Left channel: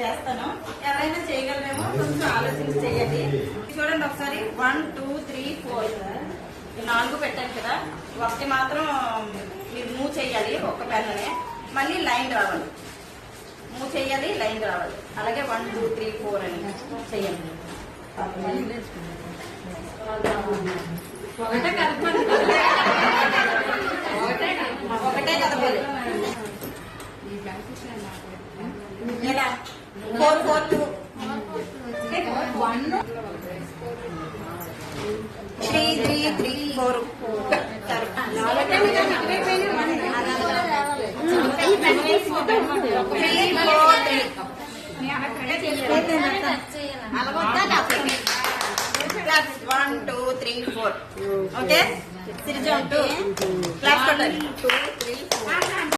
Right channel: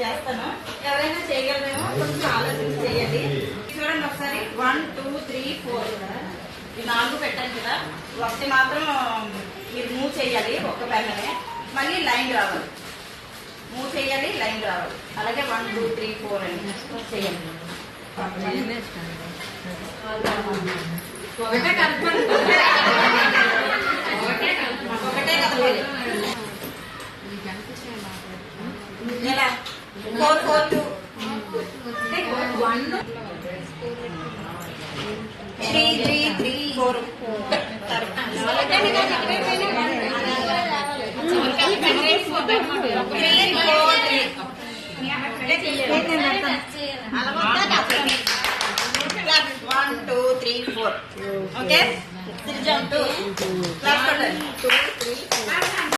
చేస్తాను. ఎవరైనా చేయగలరేమో కొంచెం ఆలోచించి చేయండి. చూడండి ఒకసారి 1 2 3 4 4 పెట్టాను కదా. ఒకటి మాత్రం మీరు మూవ్ చేయాలి, ఒక్క పెన్నునే. మళ్ళీ లైన్ రావాలి, మూవ్ చేయాలి, లైన్ రావాలి. అలాగే 1 2 3 4 అని చేయండి. ఒకటే కలపాలి, ఒకటే కలపాలి. 4 4 2 1 3 3 3 4 1 2 3 4 ఓకే. 2 3 4